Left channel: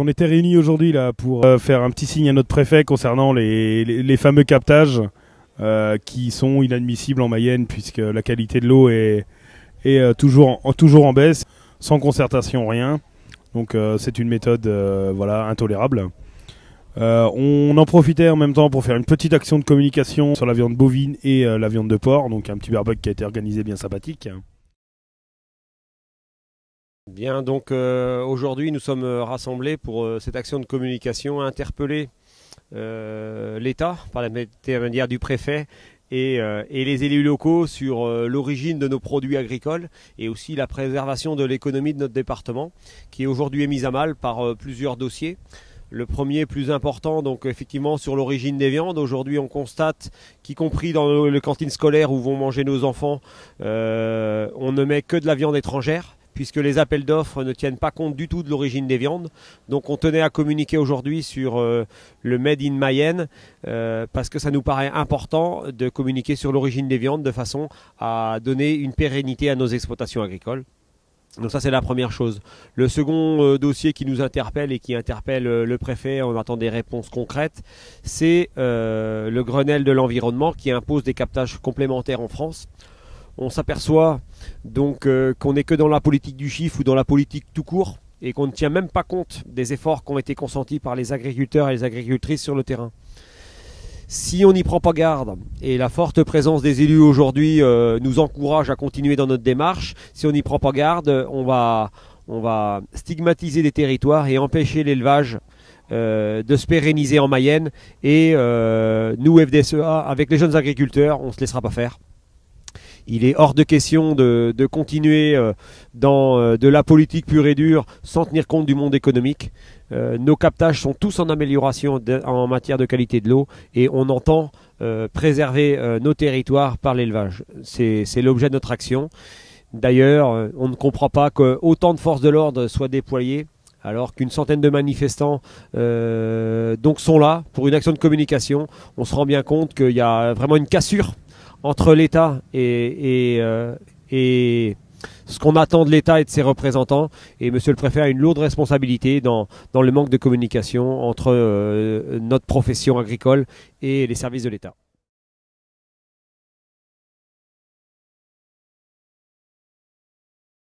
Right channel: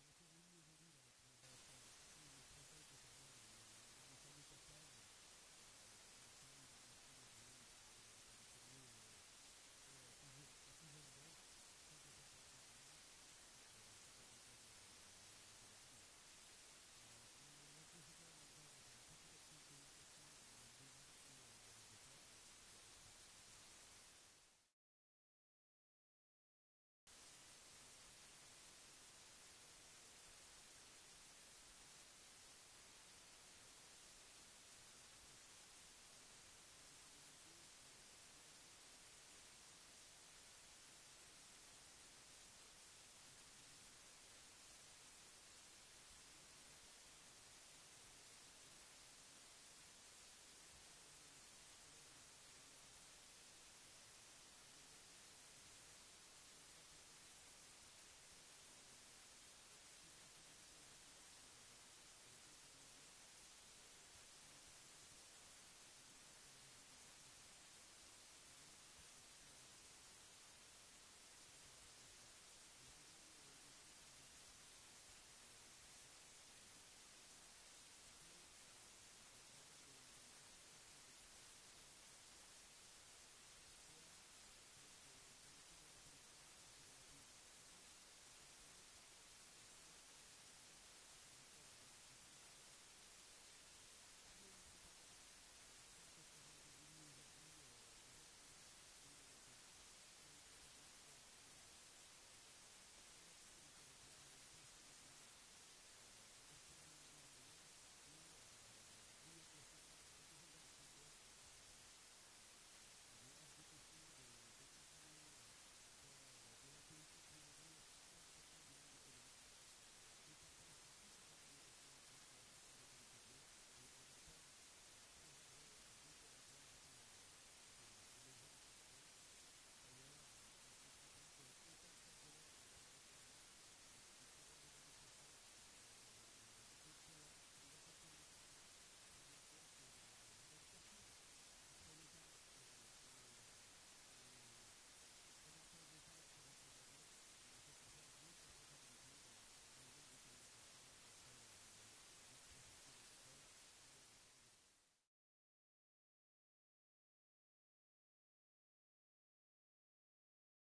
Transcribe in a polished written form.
On était réunis aujourd'hui là pour faire un petit signe à notre préfet concernant les fameux captages qui sont inadmissibles en Mayenne puisque la qualité de l'eau est toujours en baisse, sans concertation, rien. Donc c'est une méthode voilà, intolérable. On en profitait en même temps pour faire une petite action de communication sur la viande bovine et la viande de porc, donc un petit barbecue qui a été organisé bien sympathique. Bien, donc aujourd'hui nous sommes rassemblés pour cette action de communication, interpeller l'État par l'intermédiaire du préfet et les élus locaux sur l'origine de nos produits agricoles et aussi la préservation de l'économie de notre département qui aujourd'hui est mise à mal par plusieurs dossiers. Le premier plus important, donc effectivement sur l'origine des viandes. Aujourd'hui on constate qu'y compris dans les cantines scolaires où vont manger nos enfants, on ne met que de la viande étrangère, puisque les appels d'offres ne tiennent pas compte du tout de l'origine des viandes. Donc on tenait à communiquer aujourd'hui sur le Made in Mayenne, parce que ça nous paraît important de communiquer sur l'origine des viandes de façon à donner une pérennité à nos exploitations agricoles. Donc ça c'est la première chose. Le second dossier qui nous interpelle et qui interpelle le préfet, on attend des réponses concrètes, c'est le Grenelle de l'environnement qui impose des captages complémentaires en France. On s'aperçoit donc qu'on n'est que dans la politique du chiffre ou dans la politique tout court et qu'on ne tient même pas compte des efforts qui ont été consentis par les agriculteurs et les agricultrices sur le terrain. Si on n'y prend pas garde, et la forte présence des élus aujourd'hui nous encourage à continuer dans notre démarche, si on n'y prend pas garde, on va stigmatiser des territoires et empêcher l'élevage de se pérenniser en Mayenne. Et nous, FDSEA, avec les jeunes agriculteurs, on ne se laissera pas faire. Il est hors de question de continuer dans de la politique pure et dure sans tenir compte du monde économique. Nos captages sont tous en amélioration en matière de qualité de l'eau et on entend préserver nos territoires par l'élevage. C'est l'objet de notre action. D'ailleurs, on ne comprend pas qu'autant de forces de l'ordre soient déployées alors qu'une centaine de manifestants donc sont là pour une action de communication. On se rend bien compte qu'il y a vraiment une cassure entre l'État et ce qu'on attend de l'État et de ses représentants. Et monsieur le préfet a une lourde responsabilité dans le manque de communication entre notre profession agricole et les services de l'État.